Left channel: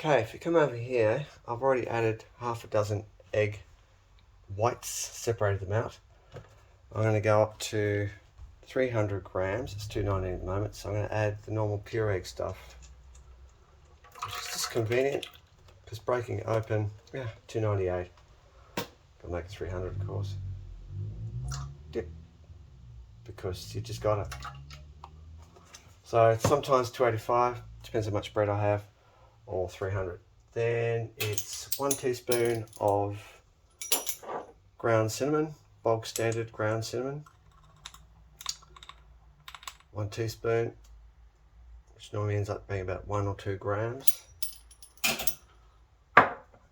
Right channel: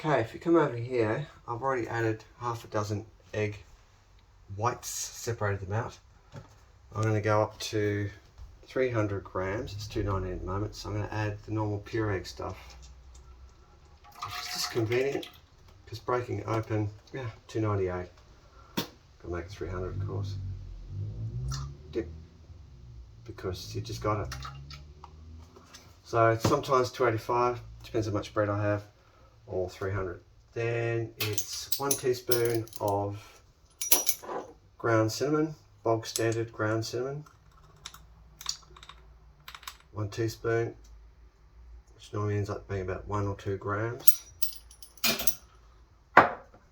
Okay, if you come over here, I've already added half a dozen egg whites, separated them out. I'm going to go up to 300 grams, it's 290 at the moment, so I'm going to add the normal pure egg stuff. It's just convenient, because breaking it open, 298. Can make it 300 of course. Dip, because you just got it. So it's sometimes 285, depends how much bread I have, or 300. Then it's 1 teaspoon of ground cinnamon, bog standard ground cinnamon. 1 teaspoon, which normally ends up being about 1 or 2 grams.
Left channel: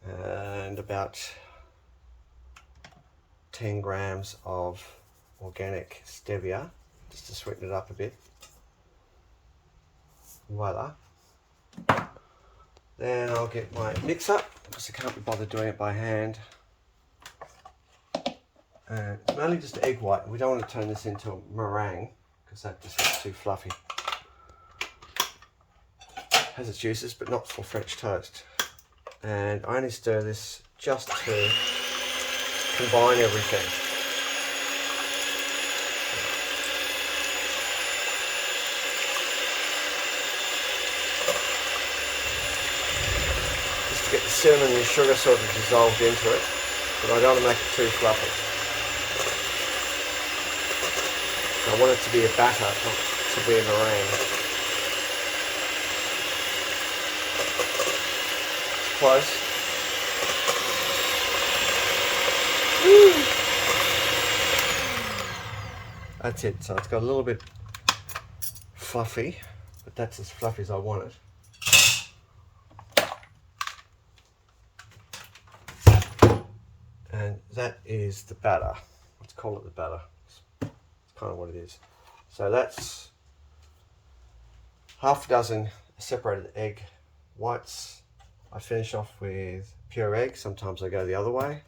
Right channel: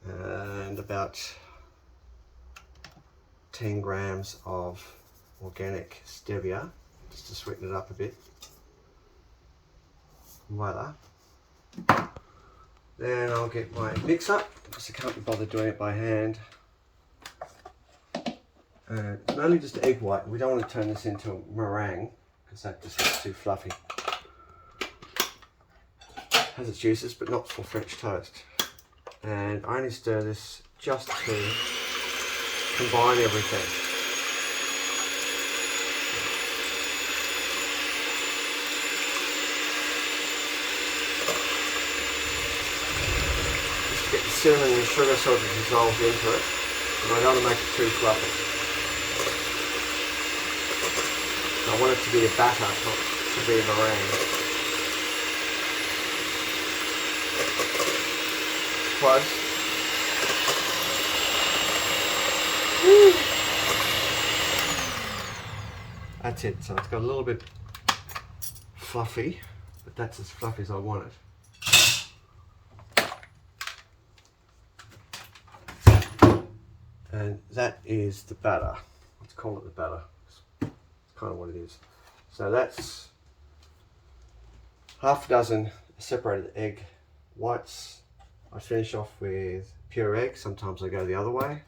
And about 10 grams of organic stevia, just to sweeten it up a bit. Voila. Then I'll get my mix up, because I can't be bothered doing it by hand. It's mainly just egg white. We don't want to turn this into a meringue, because that just gets too fluffy. Has its uses, but not for French toast. And I only stir this just to combine everything. Just to get the cinnamon and sugar sort of dissolved into it, but I don't want to make it too fluffy. I want it to be a batter, not to be a meringue. Close. Woo. That's it. So it's got a little bit fluffy, but that's as fluffy as I want it. And that is the batter. Let's call it the batter. It's kind of what it is. So that's half a dozen separated egg whites. I finish off with pure egg. Sometimes I go the other way.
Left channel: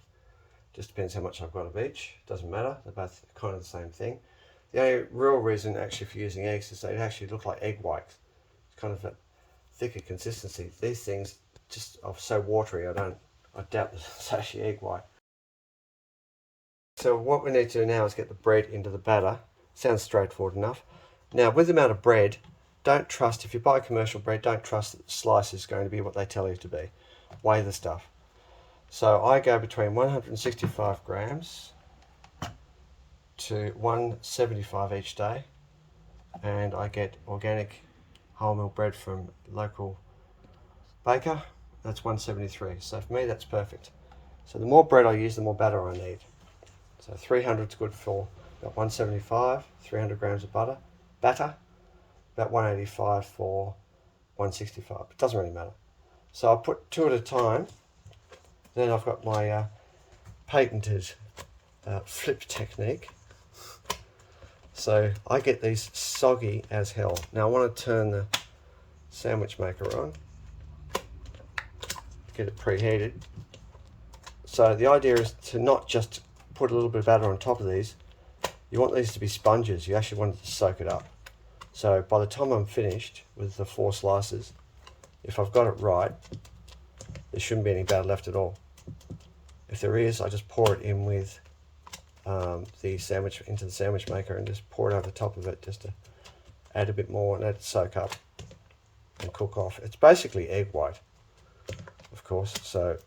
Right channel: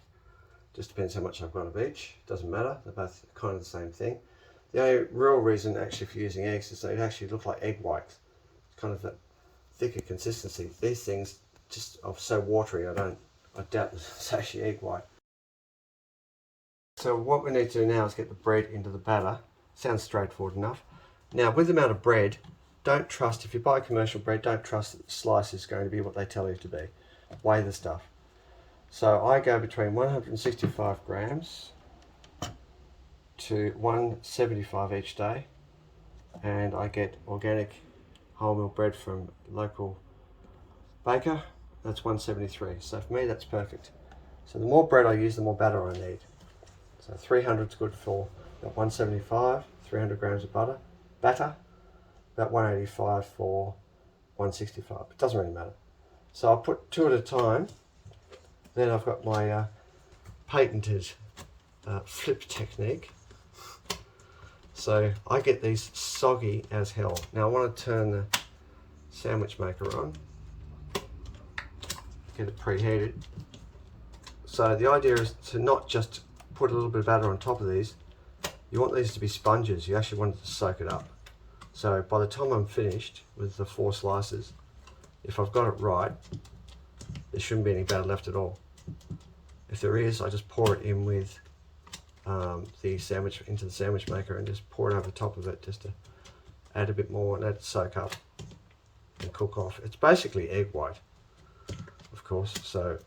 Just depends how much I've got of each. Doesn't matter. They're both kind of the same thing. The only real reason actually for using eggs is they actually look like egg white. It's kind of a thicker consistency. These things just are so watery. I doubt it's actually egg white. So what we need to do now is get the bread into the batter. Sounds straightforward enough. Now with the amount of bread, don't trust, if you buy commercial bread, don't trust that the slice is going to be what they tell you to be. Weigh the stuff. So I go between 165 grams to 175 each day, and I get organic wholemeal bread from local baker. That's 173. So for me that's perfect. So the more bread I use, the more batter I need. So 300 is good for about 175, 300 grams of batter, about 185 for 165. It doesn't really matter. So I'll put 2 at a time. Then I've got my patented flip technique. So I get these soggy as hell. Now I want to turn the sandwich maker on, get it preheated. So the idea is to not just put a little bit of batter on top of these. You want these to be sponges. You actually want it to soak it up. So by the time I'm finished with the 4 slices, if I've got it right, there shouldn't be any batter left at all. If there is, I just pour it in with the sandwich into the sandwich maker and just pour it over the top of it just to add a bit more and let it soak up and cook off. It's basically egg white, of course, so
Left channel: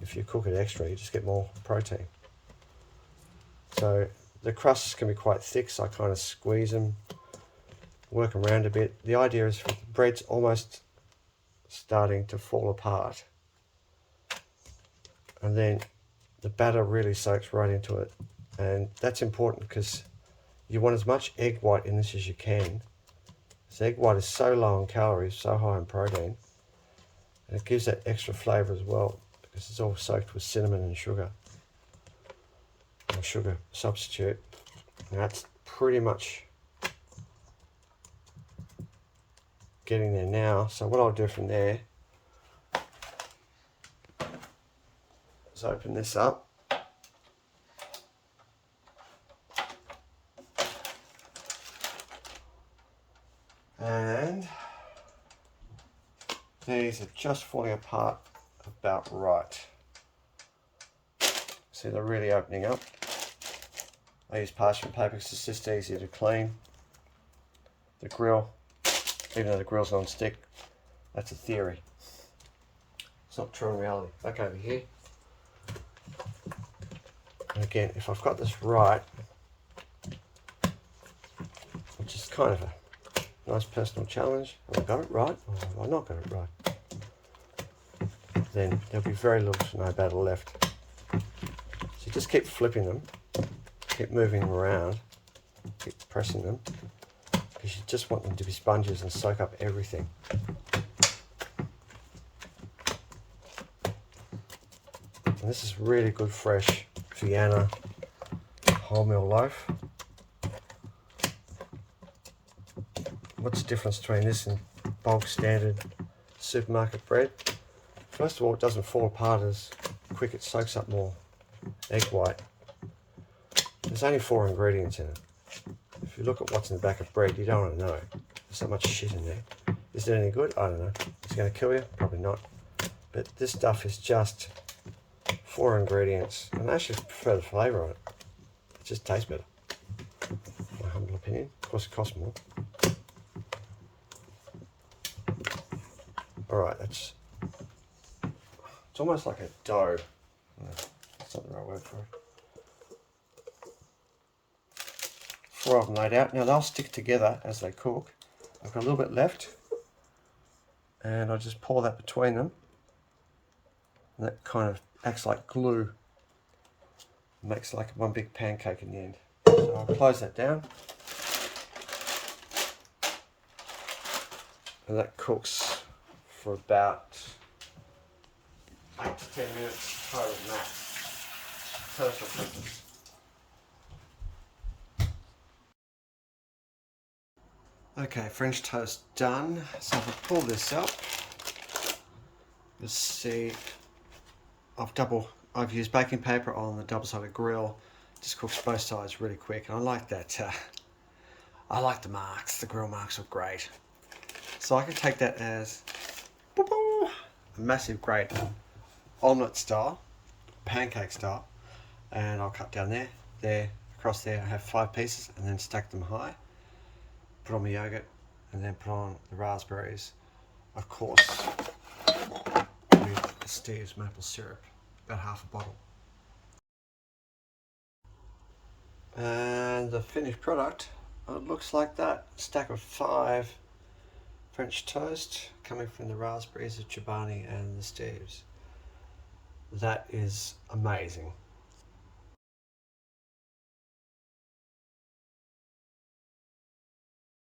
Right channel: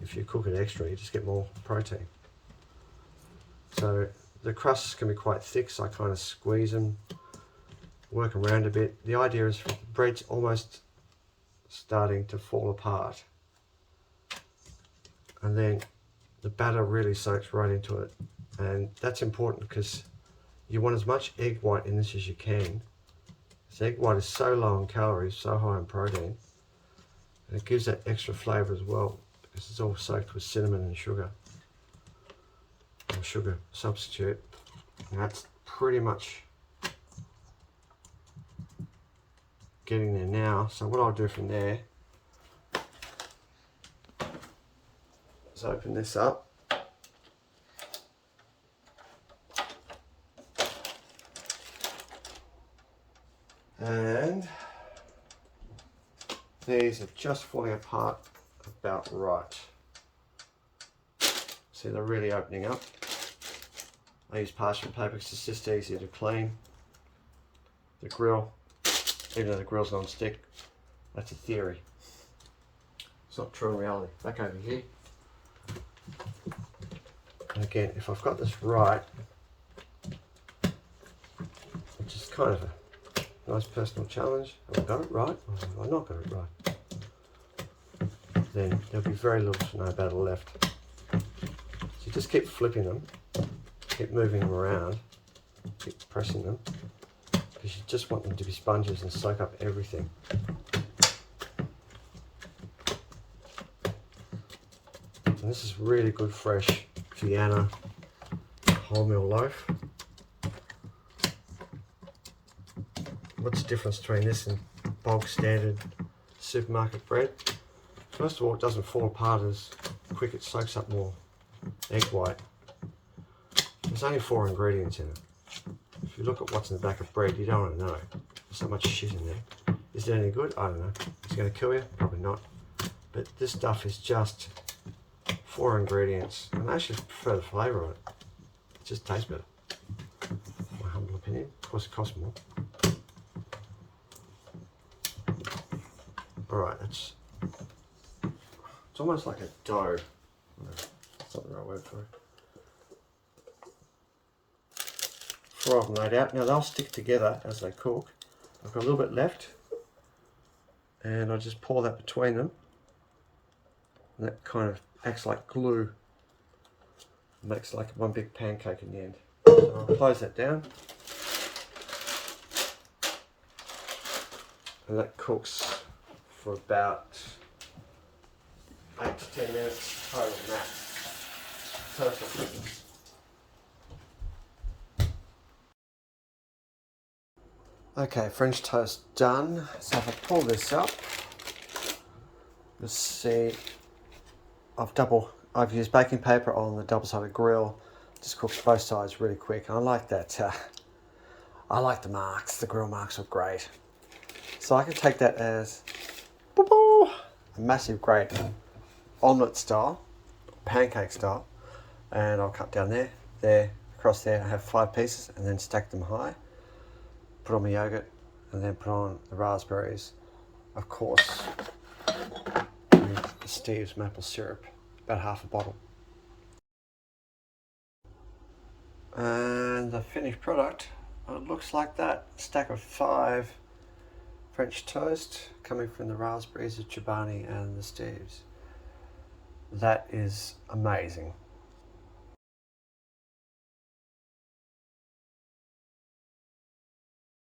if you cook it extra, you just get more protein. So the crusts can be quite thick, so I kind of squeeze them, work them around a bit. The idea is the bread's almost starting to fall apart, and then the batter really soaks right into it, and that's important because you want as much egg white in this as you can. This egg white is so low in calories, so high in protein, and it gives that extra flavour as well because it's all soaked with cinnamon and sugar, or sugar substitute. And that's pretty much getting there now. So what I'll do from there is open this up, and These are just falling apart about right. See, they're really opening up. I use parchment paper because it's just easier to clean. The grill, even though the grill's non-stick, that's a theory. It's not true in reality. Back over here. And again, if I've got this right, which is kind of a nice personal challenge, have I got it right or have I not got it right? Then there'll be very little to no battle left. So just keep flipping them, keep moving them around, keep pressing them, because you just want them to be sponges and soak up everything. And this is really good fresh Vienna wholemeal loaf. What's the difference between this and bog standard supermarket bread? First of all, it doesn't fall apart as quick, it soaks up more egg white. There's only 4 ingredients in it. If you look at what's in the back of bread, you don't want to know. There's so much shit in there. Is it any good? I don't know. Is it going to kill you? Probably not. But this stuff is just 4 ingredients, and I actually prefer the flavour of it. It just tastes better. My humble opinion. Of course, it costs more. Alright, it's almost like a dough. No, that's not the right word for it. 4 of them laid out. Now they'll stick together as they cook. I've got a little bit left, and I'll just pour that between them. And that kind of acts like glue. It makes like one big pancake in the end. So I'll close that down. And that cooks for about 8 to 10 minutes, probably max. Perfect. Okay, French toast done. So if I pull this up, you'll see I've used baking paper on the double-sided grill. Just cooks both sides really quick, and I like that. I like the marks. The grill marks look great. So I can take that as a massive, great omelette style, pancake style, and I'll cut down there, across there. I have 5 pieces, and then stack them high. Put on my yogurt, and then put on the raspberries, of course, with Steve's maple syrup, about half a bottle. And the finished product, it looks like that. Stack of 5 French toast coming from the raspberries, the Chobani and the Steve's. That is amazing.